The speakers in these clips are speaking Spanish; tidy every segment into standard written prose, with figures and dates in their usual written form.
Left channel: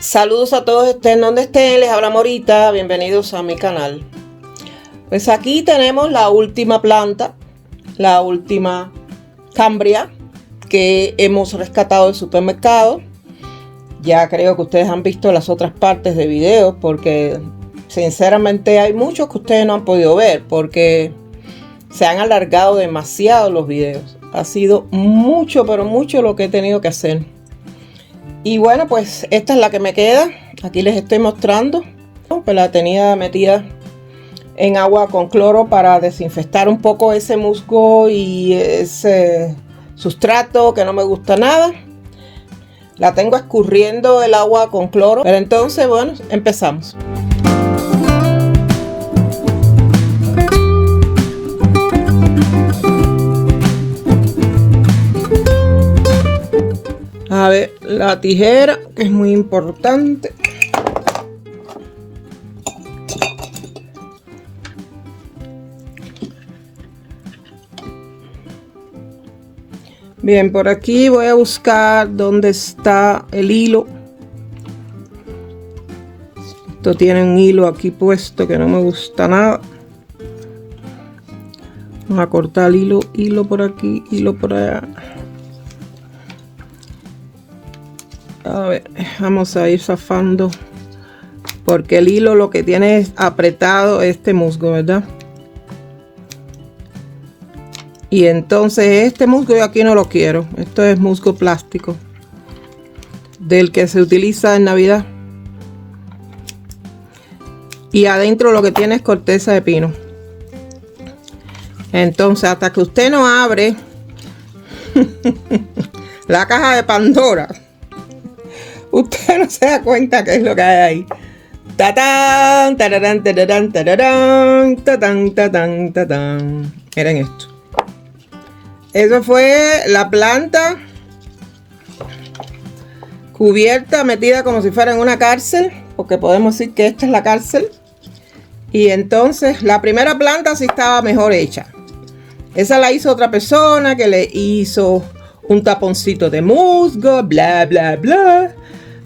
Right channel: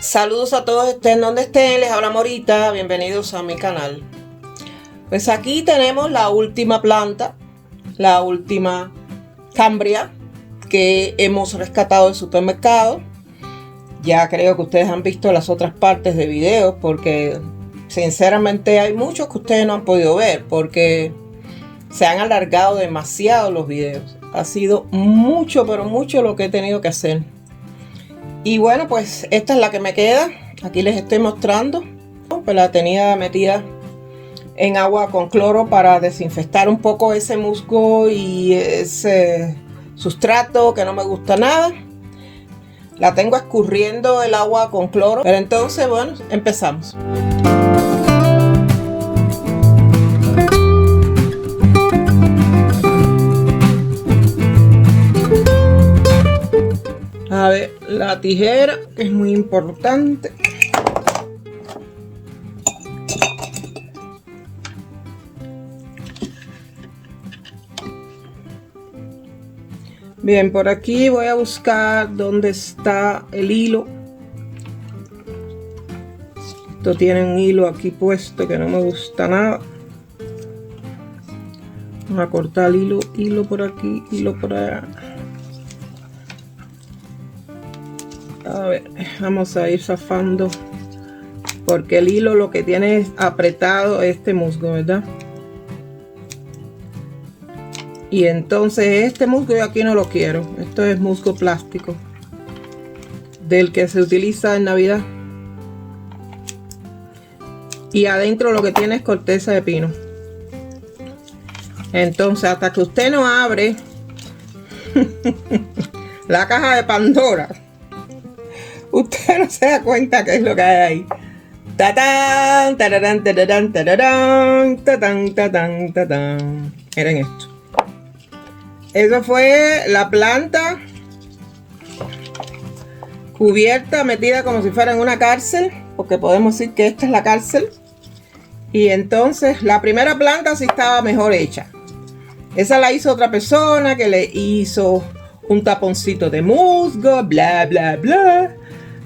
Saludos a todos, estén donde estén, les habla Morita, bienvenidos a mi canal. Pues aquí tenemos la última planta, la última cambria que hemos rescatado del supermercado. Ya creo que ustedes han visto las otras partes de videos porque sinceramente hay muchos que ustedes no han podido ver porque se han alargado demasiado los videos. Ha sido mucho, pero mucho lo que he tenido que hacer. Y bueno, pues esta es la que me queda. Aquí les estoy mostrando. Pues la tenía metida en agua con cloro para desinfectar un poco ese musgo y ese sustrato que no me gusta nada. La tengo escurriendo el agua con cloro. Pero entonces, bueno, empezamos. A ver, la tijera, que es muy importante. Bien, por aquí voy a buscar dónde está el hilo. Esto tiene un hilo aquí puesto que no me gusta nada. Vamos a cortar el hilo por aquí, hilo por allá. A ver, vamos a ir zafando porque el hilo lo que tiene es apretado este musgo, ¿verdad? Y entonces este musgo yo aquí no lo quiero. Esto es musgo plástico del que se utiliza en Navidad. Y adentro lo que tiene es corteza de pino. Entonces hasta que usted no abre la caja de Pandora, usted no se da cuenta qué es lo que hay ahí. ¡Tatán! ¡Tararán, tararán, tararán! ¡Tatán, tatán, tatán! Miren esto. Eso fue la planta cubierta, metida como si fuera en una cárcel, porque podemos decir que esta es la cárcel. Y entonces la primera planta sí estaba mejor hecha. Esa la hizo otra persona que le hizo un taponcito de musgo, bla, bla, bla.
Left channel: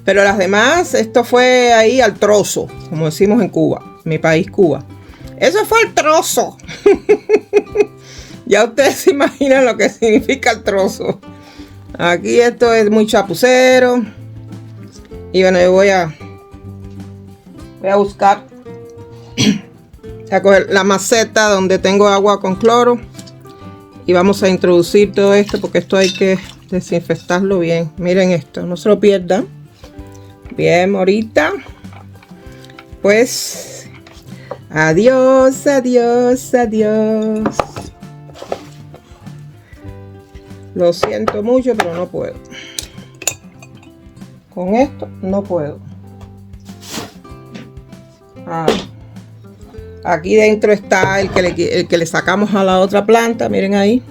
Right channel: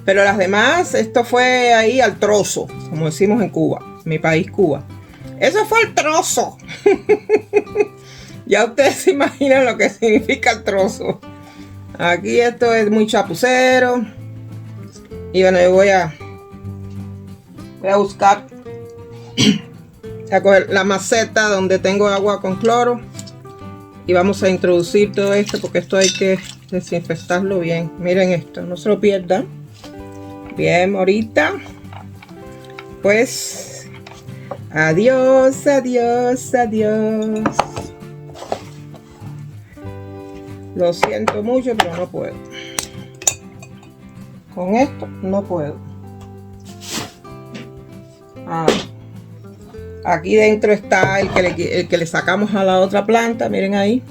Pero las demás, esto fue ahí al trozo, como decimos en Cuba, mi país Cuba. Eso fue el trozo. Ya ustedes se imaginan lo que significa el trozo. Aquí esto es muy chapucero. Y bueno, yo voy a buscar, a coger la maceta donde tengo agua con cloro. Y vamos a introducir todo esto porque esto hay que desinfectarlo bien. Miren esto, no se lo pierdan. Bien, ahorita. Pues, adiós, adiós, adiós. Lo siento mucho, pero no puedo. Con esto no puedo. Aquí dentro está el que le sacamos a la otra planta. Miren ahí.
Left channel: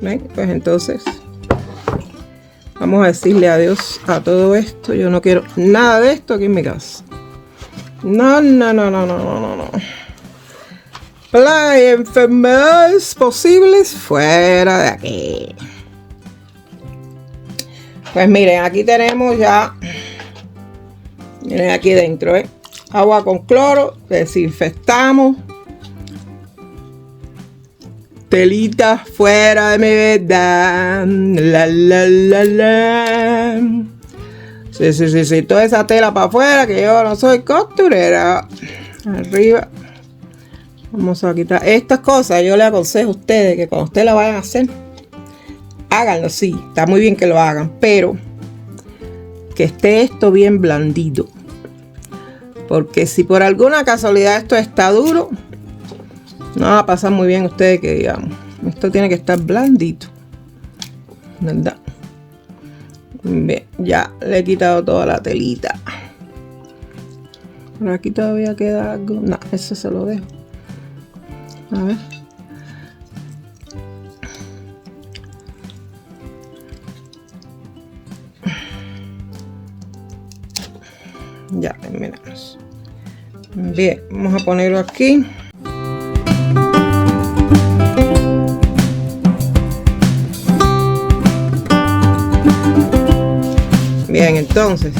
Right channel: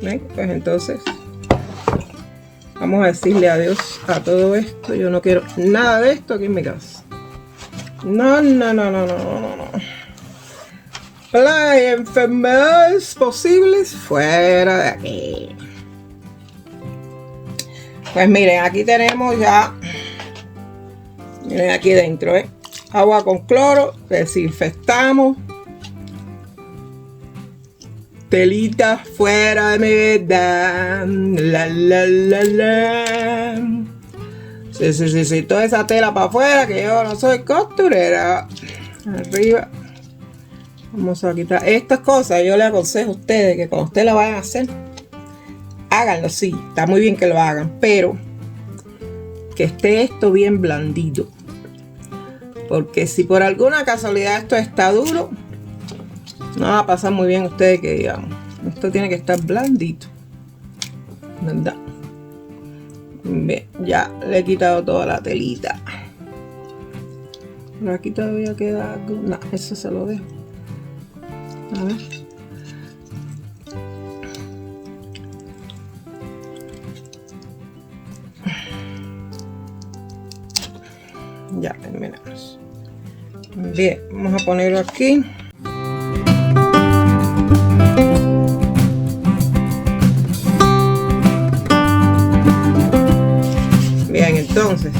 ¿Ven? Pues entonces vamos a decirle adiós a todo esto. Yo no quiero nada de esto aquí en mi casa. No, no, no, no, no, no, no. Plagas y enfermedades posibles fuera de aquí. Pues miren, aquí tenemos ya, miren aquí dentro, agua con cloro, desinfectamos, telita fuera de mi vida, la la la la. Sí, toda esa tela para afuera, que yo no soy costurera. Arriba. Vamos a quitar estas cosas. Yo les aconsejo a ustedes que cuando ustedes la vayan a hacer, háganlo, sí, está muy bien que lo hagan, pero que esté esto bien blandito. Porque si por alguna casualidad esto está duro, no va a pasar muy bien ustedes que digamos. Esto tiene que estar blandito, ¿verdad? Bien, ya le he quitado toda la telita. Por aquí todavía queda algo. No, eso se lo dejo. A ver. Ya terminamos. Bien, vamos a ponerlo aquí. Bien, entonces,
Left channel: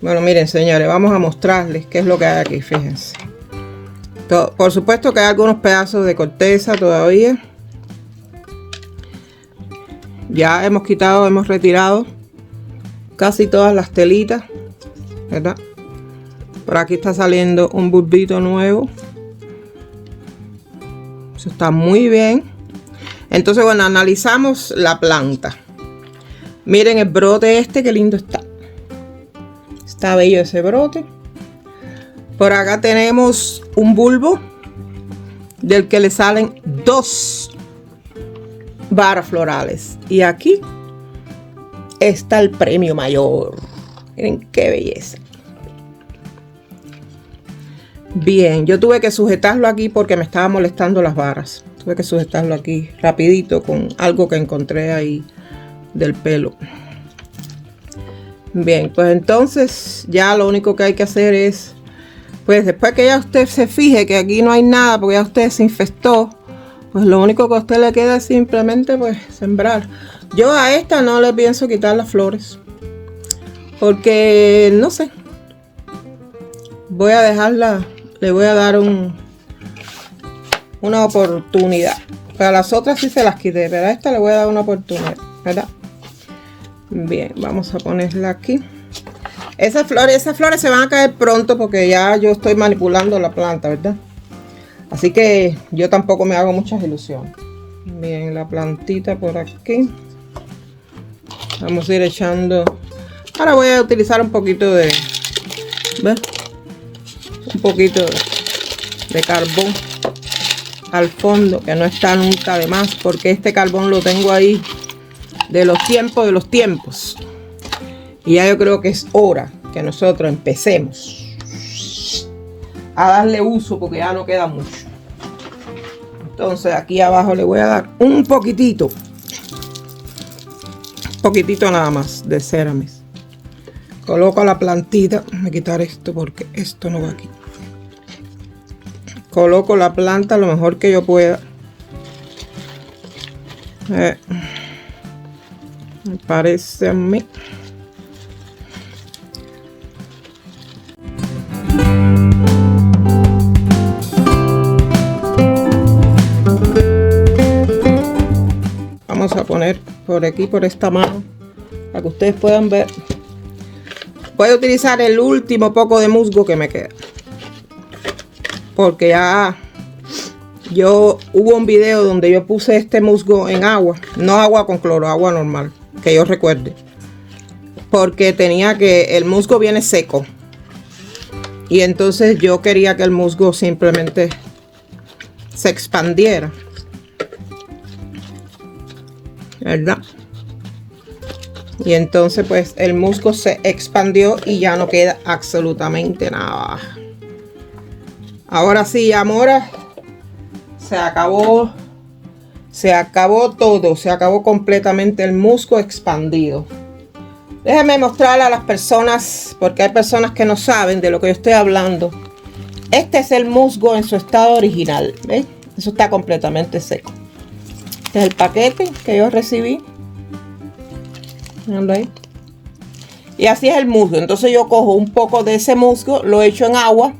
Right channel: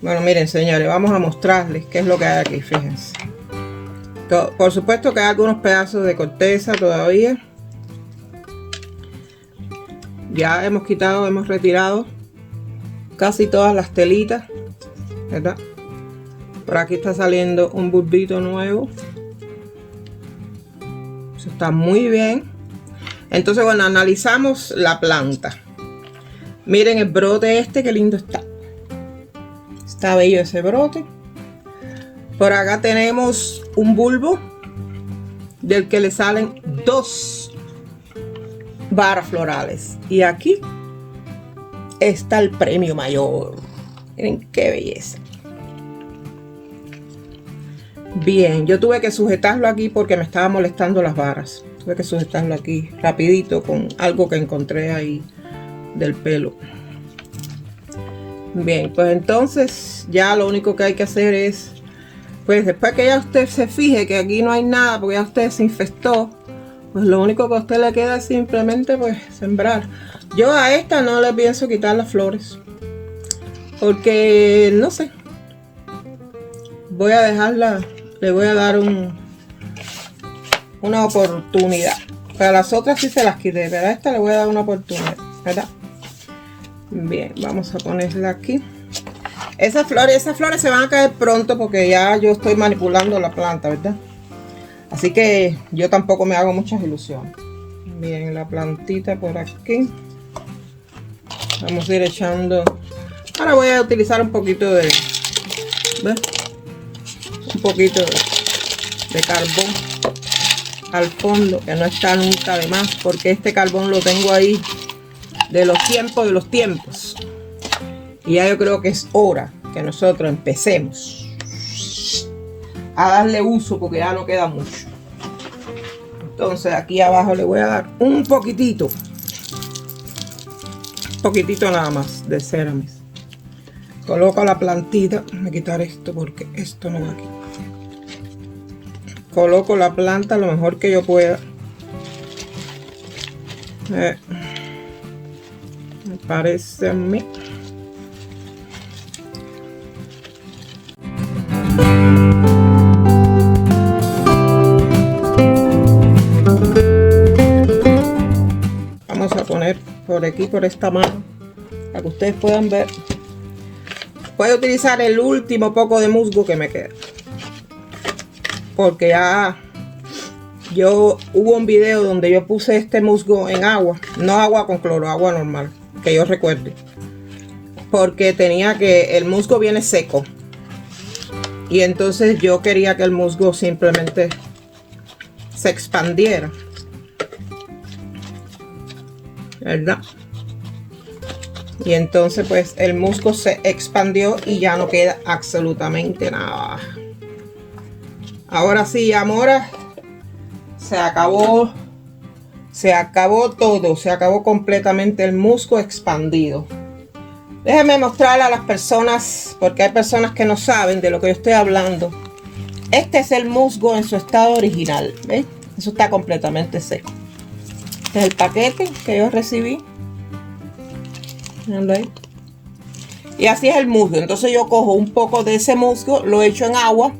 bueno, miren, señores, vamos a mostrarles qué es lo que hay aquí, fíjense. Por supuesto que hay algunos pedazos de corteza todavía. Ya hemos quitado, hemos retirado casi todas las telitas, ¿verdad? Por aquí está saliendo un bulbito nuevo. Eso está muy bien. Entonces, bueno, analizamos la planta. Miren el brote este, qué lindo está. Está bello ese brote. Por acá tenemos un bulbo del que le salen 2 varas florales. Y aquí está el premio mayor. Miren qué belleza. Bien, yo tuve que sujetarlo aquí porque me estaba molestando las varas. Tuve que sujetarlo aquí rapidito con algo que encontré ahí del pelo. Bien, pues entonces ya lo único que hay que hacer es, pues después que ya usted se fije que aquí no hay nada porque ya usted se infestó, pues lo único que a usted le queda es simplemente pues sembrar. Yo a esta no le pienso quitar las flores porque no sé, voy a dejarla, le voy a dar una oportunidad. Para las otras sí se las quité, pero a esta le voy a dar una oportunidad, ¿verdad? Bien, vamos a ponerla aquí. Esas flores se van a caer pronto porque ya yo estoy manipulando la planta, ¿verdad? Así que yo tampoco me hago muchas ilusiones. Bien, la plantita por aquí. Vamos a ir echando. Ahora voy a utilizar un poquito de, ¿ves? Un poquito de carbón al fondo, que no está nunca de más, porque este carbón lo tengo ahí de los tiempos. Y ya yo creo que es hora que nosotros empecemos a darle uso porque ya no queda mucho. Entonces aquí abajo le voy a dar un poquitito nada más de Ceramis. Coloco la plantita. Voy a quitar esto porque esto no va aquí. Coloco la planta lo mejor que yo pueda. Me parece a mí. Vamos a poner por aquí, por esta mano, para que ustedes puedan ver. Voy a utilizar el último poco de musgo que me queda, porque ya hubo un video donde yo puse este musgo en agua, no agua con cloro, agua normal, que yo recuerde, porque el musgo viene seco y entonces yo quería que el musgo simplemente se expandiera, ¿verdad? Y entonces pues el musgo se expandió y ya no queda absolutamente nada. Ahora sí, amora, se acabó todo, se acabó completamente el musgo expandido. Déjenme mostrarle a las personas, porque hay personas que no saben de lo que yo estoy hablando. Este es el musgo en su estado original, ¿ven? Eso está completamente seco. Este es el paquete que yo recibí. ¿Ven? Y así es el musgo. Entonces yo cojo un poco de ese musgo, lo echo en agua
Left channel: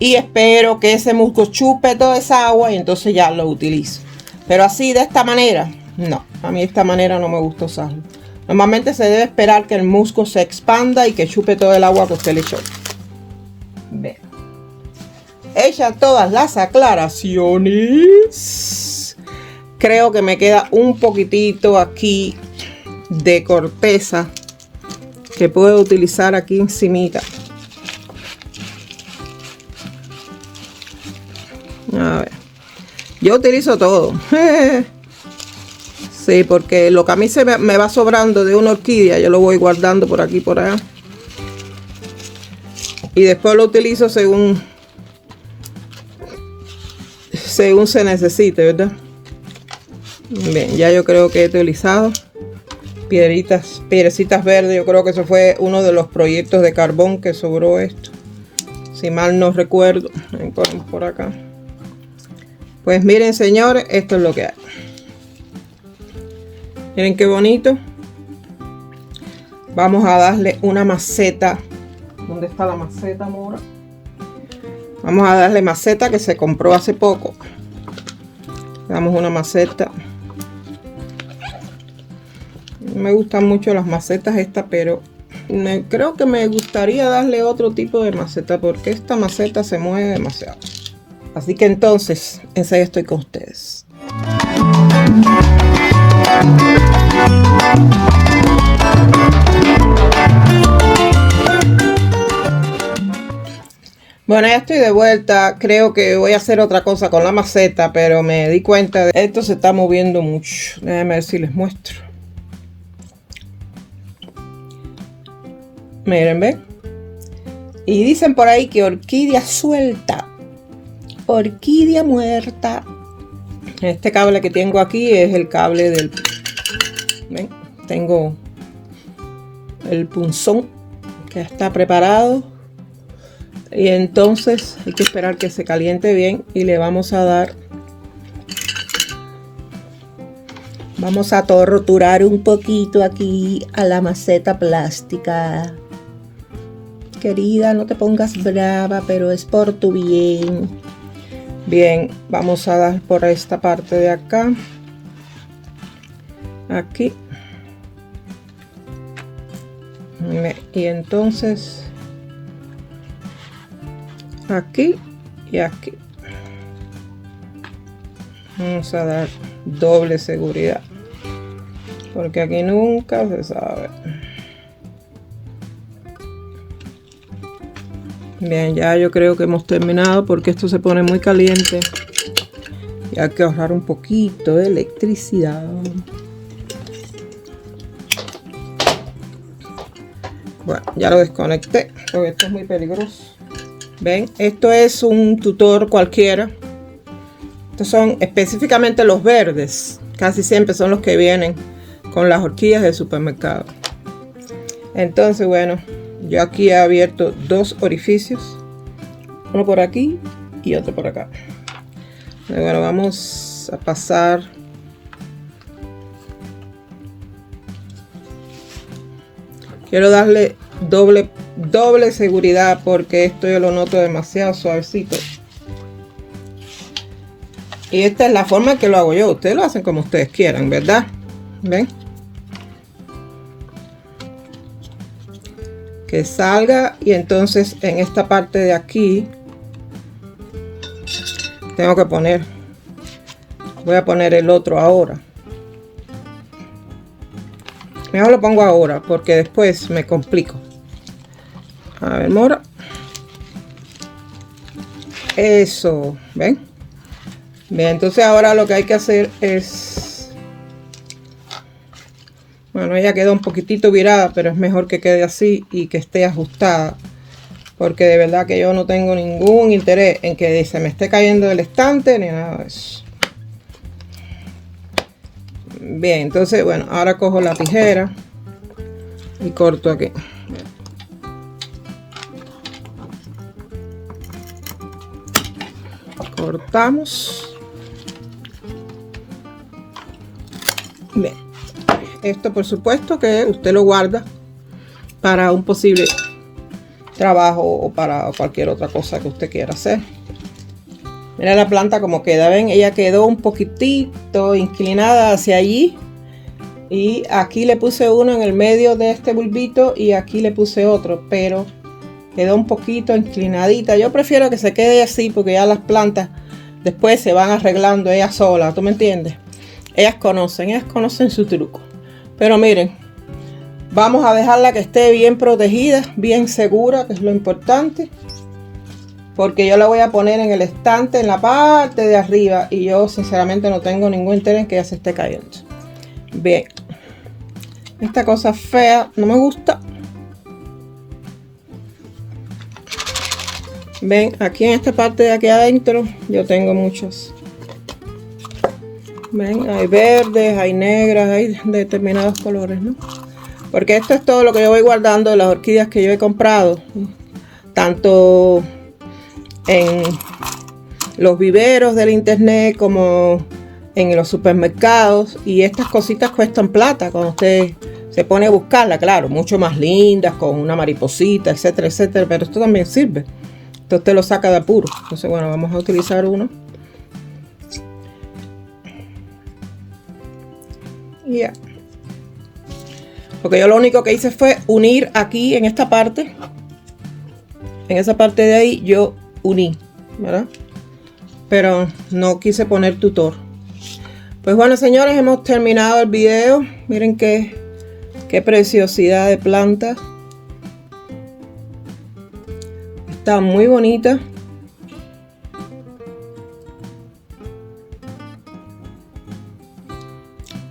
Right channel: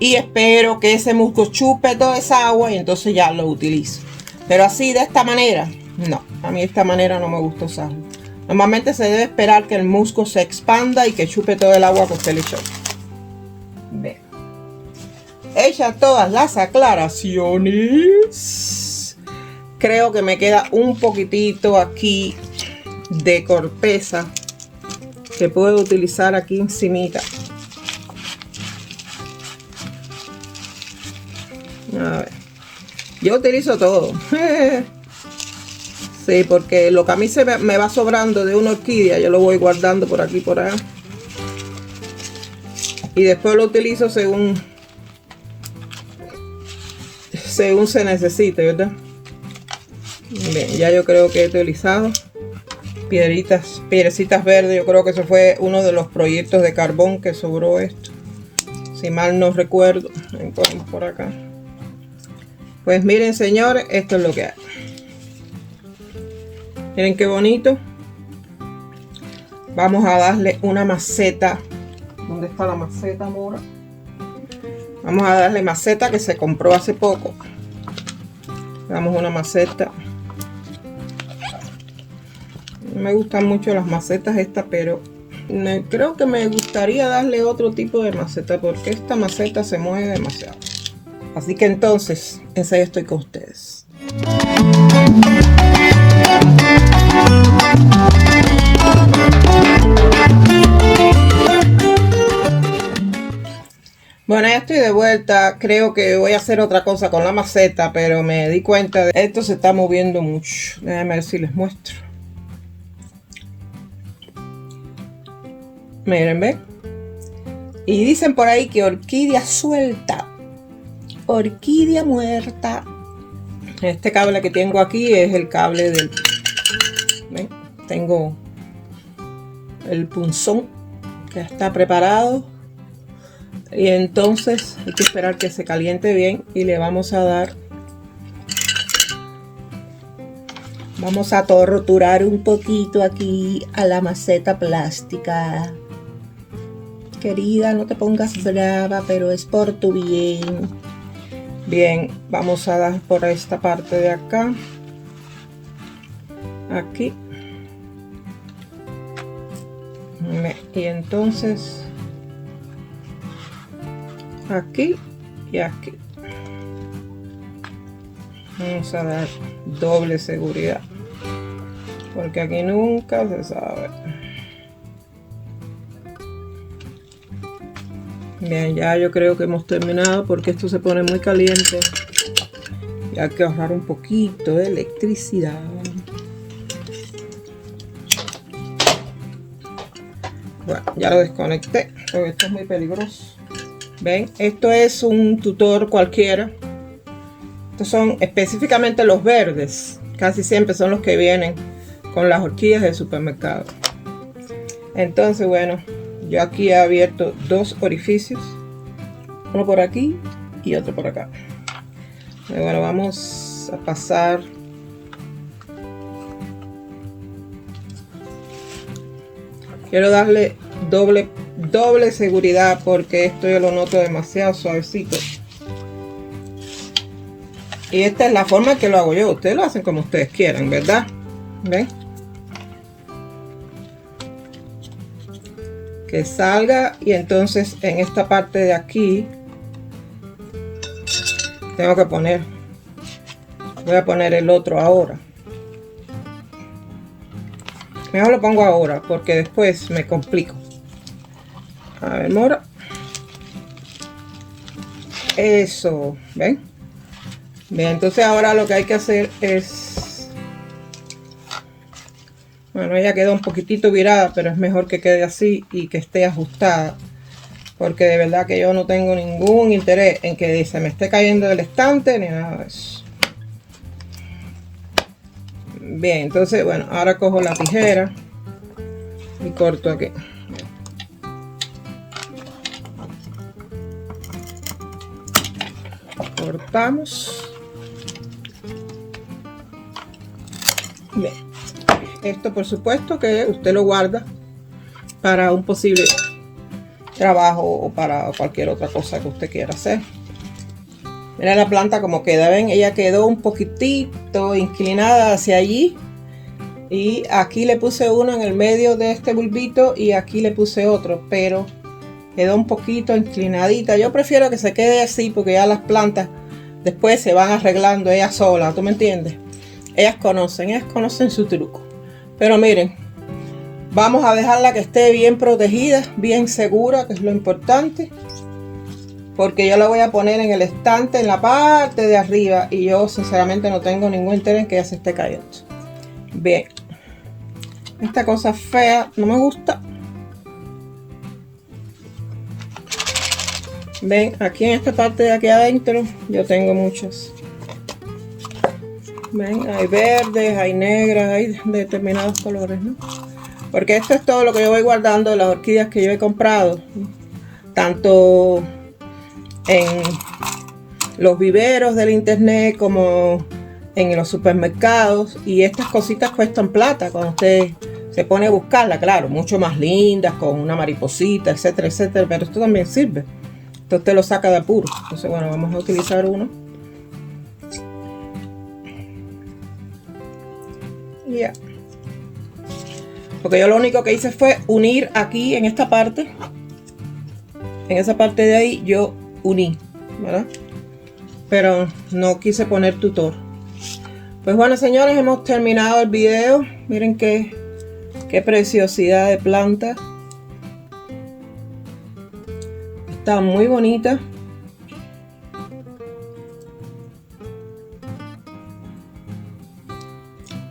y espero que ese musgo chupe toda esa agua y entonces ya lo utilizo. Pero así, de esta manera, no. A mí de esta manera no me gusta usarlo. Normalmente se debe esperar que el musgo se expanda y que chupe todo el agua que usted le echó. Ve. Hecha todas las aclaraciones, creo que me queda un poquitito aquí de corteza que puedo utilizar aquí encimita. A ver, yo utilizo todo. Sí, porque lo que a mí me va sobrando de una orquídea, yo lo voy guardando por aquí, por allá. Y después lo utilizo según se necesite, ¿verdad? Bien, ya yo creo que he utilizado piedrecitas verdes. Yo creo que eso fue uno de los proyectos de carbón que sobró esto, si mal no recuerdo. Ponemos por acá. Pues miren, señores, esto es lo que hay. Miren qué bonito. Vamos a darle una maceta. ¿Dónde está la maceta, Mora? Vamos a darle maceta que se compró hace poco. Damos una maceta. No me gustan mucho las macetas estas, pero creo que me gustaría darle otro tipo de maceta, porque esta maceta se mueve demasiado. Así que entonces, enseguida estoy con ustedes. Bueno, ya estoy de vuelta. Creo que voy a hacer otra cosa con la maceta, pero me di cuenta de que esto se está moviendo mucho. Déjenme ver si les muestro. Miren, ¿ven? Y dicen por ahí que orquídea suelta, orquídea muerta. Este cable que tengo aquí es el cable del... ¿ven? Tengo el punzón que está preparado. Y entonces hay que esperar que se caliente bien y le vamos a dar... Vamos a torturar un poquito aquí a la maceta plástica. Querida, no te pongas brava, pero es por tu bien. Bien, vamos a dar por esta parte de acá. Aquí. Y entonces... aquí y aquí. Vamos a dar doble seguridad, porque aquí nunca se sabe. Bien, ya yo creo que hemos terminado, porque esto se pone muy caliente y hay que ahorrar un poquito de electricidad. Bueno, ya lo desconecté porque esto es muy peligroso. Ven, esto es un tutor cualquiera. Estos son específicamente los verdes. Casi siempre son los que vienen con las orquídeas del supermercado. Entonces, bueno, yo aquí he abierto dos orificios. Uno por aquí y otro por acá. Y bueno, vamos a pasar. Quiero darle doble seguridad, porque esto yo lo noto demasiado suavecito. Y esta es la forma que lo hago yo. Ustedes lo hacen como ustedes quieran, ¿verdad? ¿Ven? Que salga. Y entonces en esta parte de aquí tengo que poner, voy a poner el otro ahora. Mejor lo pongo ahora, porque después me complico. A ver, Mora. Eso, ¿ven? Bien, entonces ahora lo que hay que hacer es... bueno, ella quedó un poquitito virada, pero es mejor que quede así y que esté ajustada. Porque de verdad que yo no tengo ningún interés en que se me esté cayendo del estante ni nada de eso. Bien, entonces, bueno, ahora cojo la tijera y corto aquí. Cortamos. Bien, esto por supuesto que usted lo guarda para un posible trabajo o para cualquier otra cosa que usted quiera hacer. Mira la planta como queda, ven, ella quedó un poquitito inclinada hacia allí, y aquí le puse uno en el medio de este bulbito y aquí le puse otro, pero quedó un poquito inclinadita. Yo prefiero que se quede así, porque ya las plantas después se van arreglando ellas solas, ¿tú me entiendes? Ellas conocen su truco. Pero miren, vamos a dejarla que esté bien protegida, bien segura, que es lo importante. Porque yo la voy a poner en el estante, en la parte de arriba. Y yo sinceramente no tengo ningún interés en que ella se esté cayendo. Bien. Esta cosa fea no me gusta. Ven, aquí en esta parte de aquí adentro yo tengo muchos Ven, hay verdes, hay negras, hay determinados colores, ¿no? Porque esto es todo lo que yo voy guardando de las orquídeas que yo he comprado. Tanto en los viveros del internet como en los supermercados. Y estas cositas cuestan plata cuando usted se pone a buscarla, claro, mucho más lindas, con una mariposita, etcétera, etcétera. Pero esto también sirve. Entonces usted lo saca de apuro. Entonces, bueno, vamos a utilizar uno. Ya. Porque yo lo único que hice fue unir aquí en esta parte. En esa parte de ahí yo uní, ¿verdad? Pero no quise poner tutor. Pues bueno, señores, hemos terminado el video. Miren qué preciosidad de planta. Está muy bonita.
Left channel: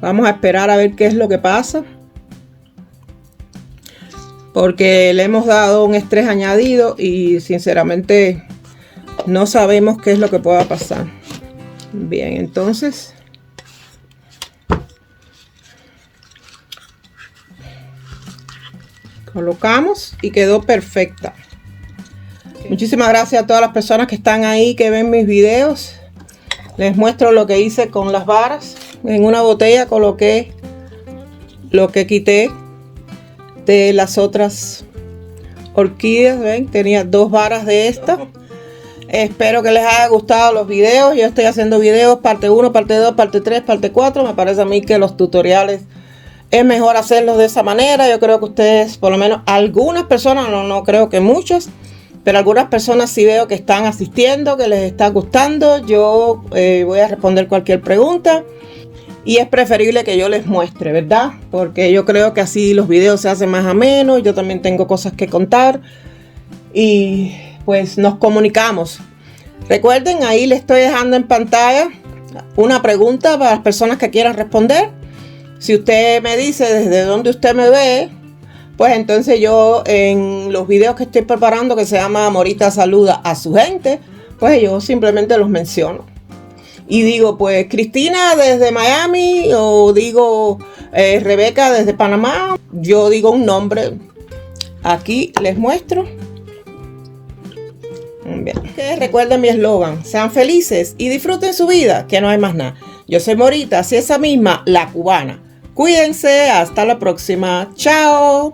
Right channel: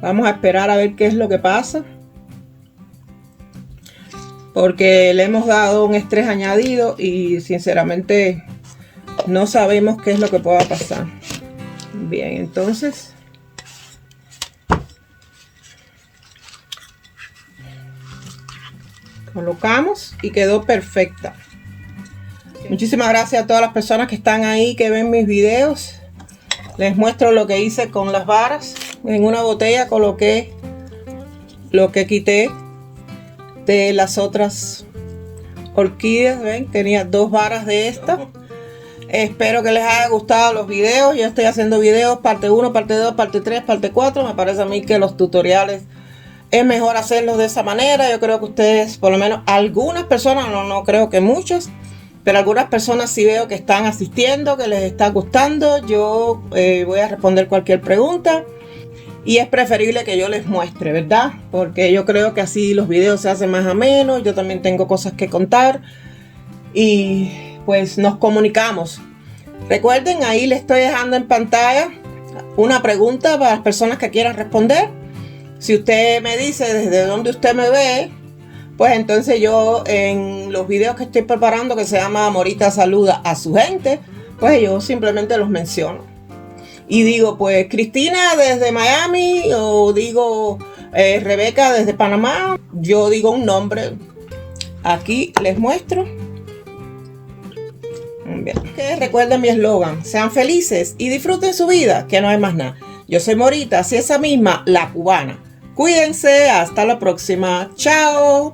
Vamos a esperar a ver qué es lo que pasa. Porque le hemos dado un estrés añadido y sinceramente no sabemos qué es lo que pueda pasar. Bien, entonces colocamos y quedó perfecta. Muchísimas gracias a todas las personas que están ahí, que ven mis videos. Les muestro lo que hice con las varas. En una botella coloqué lo que quité de las otras orquídeas. ¿Ven? Tenía 2 varas de esta. Espero que les haya gustado los videos. Yo estoy haciendo videos parte 1, parte 2, parte 3, parte 4. Me parece a mí que los tutoriales es mejor hacerlos de esa manera. Yo creo que ustedes, por lo menos algunas personas, no creo que muchas, pero algunas personas sí veo que están asistiendo, que les está gustando. Yo voy a responder cualquier pregunta. Y es preferible que yo les muestre, ¿verdad? Porque yo creo que así los videos se hacen más amenos. Yo también tengo cosas que contar. Y pues nos comunicamos. Recuerden, ahí les estoy dejando en pantalla una pregunta para las personas que quieran responder. Si usted me dice desde dónde usted me ve, pues entonces yo en los videos que estoy preparando, que se llama Morita Saluda a su gente, pues yo simplemente los menciono. Y digo, pues Cristina desde Miami, o digo Rebeca desde Panamá. Yo digo un nombre. Aquí les muestro. Bien. Recuerden mi eslogan: sean felices y disfruten su vida, que no hay más nada. Yo soy Morita, así esa misma, la cubana. Cuídense, hasta la próxima. Chao.